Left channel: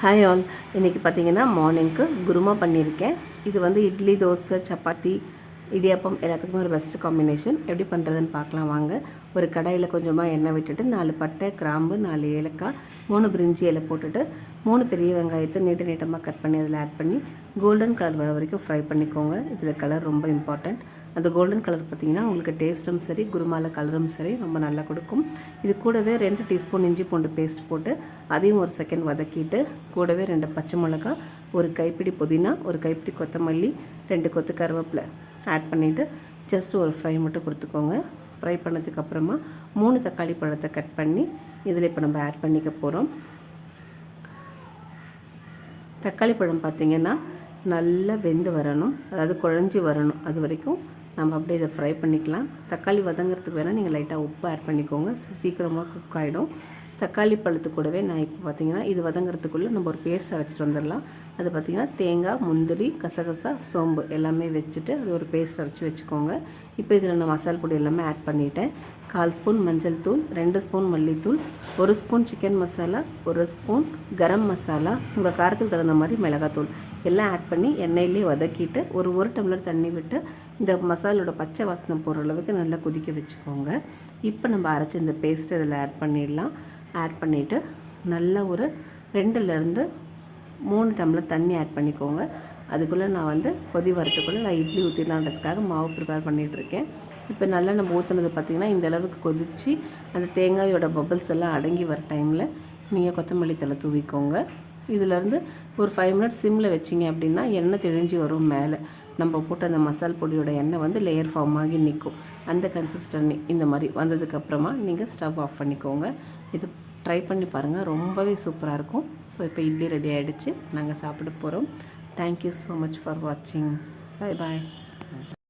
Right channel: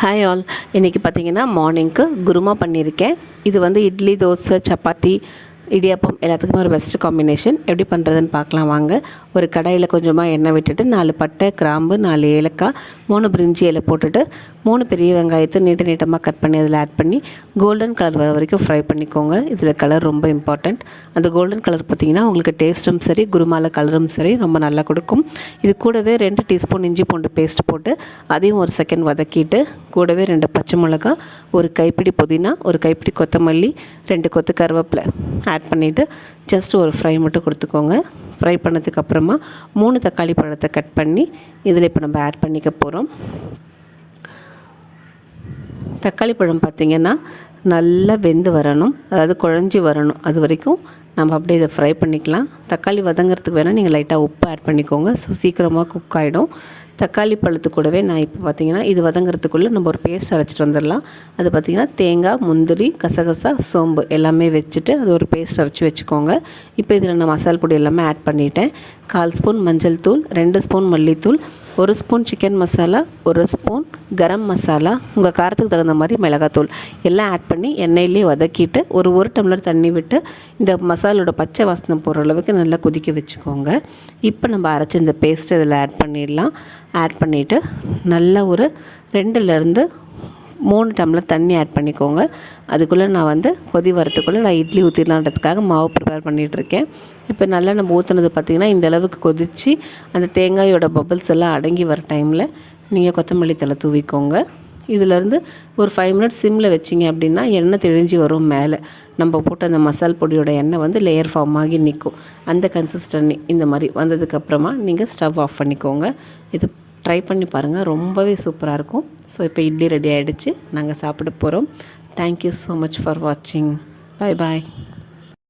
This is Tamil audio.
Hi all. இன்றைக்கி பார்த்தீங்கன்னா மார்னிங்க்கு குருமா பண்ணியிருக்கேன். இது வந்து இட்லி, தோசை, சப்பாத்தி, இடியாப்பம் எல்லாத்துக்குமே ஒரு பெஸ்ட்டு காம்பினேஷன். எப்படி பண்ணுறதுன்னு பார்க்கலாம் வாங்க. ஒரு கடாயில் கொஞ்சமாக எண்ணெய் விட்டுட்டு 4 பட்டை, கிராம்பு, 4 ஏலக்காய், 3 பிரிஞ்சி இலை போட்டுட்டு 3 பெரிய வெங்காயத்தை நீட்டமாக கட் பண்ணி அதில் ஆட் பண்ணி கோல்டன் கலர் வர வரைக்கும் ஃப்ரை பண்ணிக்கோங்க. இதில் கலர் ரொம்ப இம்பார்ட்டண்ட். அந்த கோல்டன் கலர் பார்த்திங்கன்னா உங்களுக்கு டேஸ்ட்டும் சரி, குருமாவில் கலரும் சரி ரொம்ப நல்லா கொடுக்கும். இது கூடவே 2 டீஸ்பூன் இஞ்சி பூண்டு பேஸ்ட் போட்டு அதையும் ஒரு செகண்ட் வதக்கிட்டு கூடவே 2 பச்சை மிளகா, ஒரு கைப்பிடி புதினா, ஒரு கைப்பிடி கொத்தமல்லி, 2 கொத்து கருவேப்பிலை ஆட் பண்ணிவிட்டு ஜஸ்ட் ஒரு ஃப்ரை மட்டும் கொடுத்துக்கோங்க. ஃப்ரை பண்ணதுக்கப்புறமா 3 தக்காளி பழத்தை கட் பண்ணி இதில் இப்போ நம்ம ஆட் பண்ணிக்க போகிறோம். தக்காளி பழம் பார்த்திங்கன்னா நல்லா வெந்து வரணும், அதாவது குழஞ்சி வரணும். அது வரைக்கும் நம்ம அப்படியே இதை ஃப்ரை பண்ணிக்கலாம். தக்காளி வதங்கிறதுக்கு வேணால் நீங்கள் லைட்டாக உப்பு ஆட் பண்ணிக்கோங்க. ஸோ சீக்கிரமாக குக் ஆகிடும். தக்காளி பழத்து கூடவே நான் இப்போ பார்த்திங்கன்னா இது வதங்கிறதுக்குள்ளே நம்ம ஒரு பேஸ்ட் அரைச்சிட்டு வந்துடலாம். அது பார்த்திங்கன்னா தேங்காய், முந்திரி, கசகசா, சோம்பு எல்லாமே வச்சுட்டு அது ஒரு பேஸ்ட் அரைச்சி வச்சுக்கோங்க. இப்போ இதில் நான் மசாலா பொடி எல்லாமே ஆட் பண்ணிட்டேன். 1/4 ஸ்பூன் மஞ்சள் தூள், 2 ஸ்பூன் மல்லித்தூள், 1 spoon chicken masala, 1 spoon garam masala, உங்கள் காரத்துக்கு தகுந்த மாதிரி மிளகாத்தூள் எல்லாம் ஆட் பண்ணி எண்ணெயிலே வதக்கிட்டு ஒரு டம்ளர் தண்ணி விட்டு இந்த மசாலோட பச்சை வாசனை போகிற அளவுக்கு நல்லா கொதிக்க வச்சுக்கோங்க. இப்போ நம்ம அரைச்சி இந்த பேஸ்ட்டு இதில் ஆட் பண்ணிடலாம். ஆட் பண்ணிவிட்டு நல்லா ஒரு 2லேருந்து 3 டம்ளர் தண்ணி ஆட் பண்ணிக்கோங்க. அதுக்குள்ளே நான் வந்து கொதி வரத்துக்குள்ளே நான் இட்லி ஊற்றிடலான்றதுக்காக மாவு ப்ரிப்பேர் பண்ணிகிட்ருக்கேன். இப்போ நல்லா நம்ம ஊற்றுனது பார்த்திங்கன்னா இந்த அளவுக்கு கொதித்து அந்த தேங்காயோட பபிள்ஸ் எல்லாம் அடங்கி வர டைமில் நீங்கள் கொத்தமல்லி தழை தூவிக்கோங்க. இதிலேருந்து ஒரு 5 மினிட்ஸ் சிம்மில் வச்சிங்க அப்படின்னா எண்ணெய் தெளிஞ்சு வரும். மேலே நம்ம போட்ட அந்த மசால் பொடியோட எண்ணெய் வந்து லேயர் ஃபார்ம் ஆகி நிற்கும். அந்த கன்சிஸ்டன்சி இந்த மாதிரி வந்ததுக்கப்புறமா நீங்கள் ஸ்டவ் ஆஃப் பண்ணிக்கோங்க. இது ட்ரை பண்ணி பாருங்கள், ரொம்பவே சூப்பராக இருக்கும். ஸோ இப்போ இட்லி ரெடி ஆகிடுச்சு, நாங்கள் சாப்பிட போகிறோம். தேங்க்யூ ஸோ மச் ஃபார் வாட்சிங். பாய் பாய்.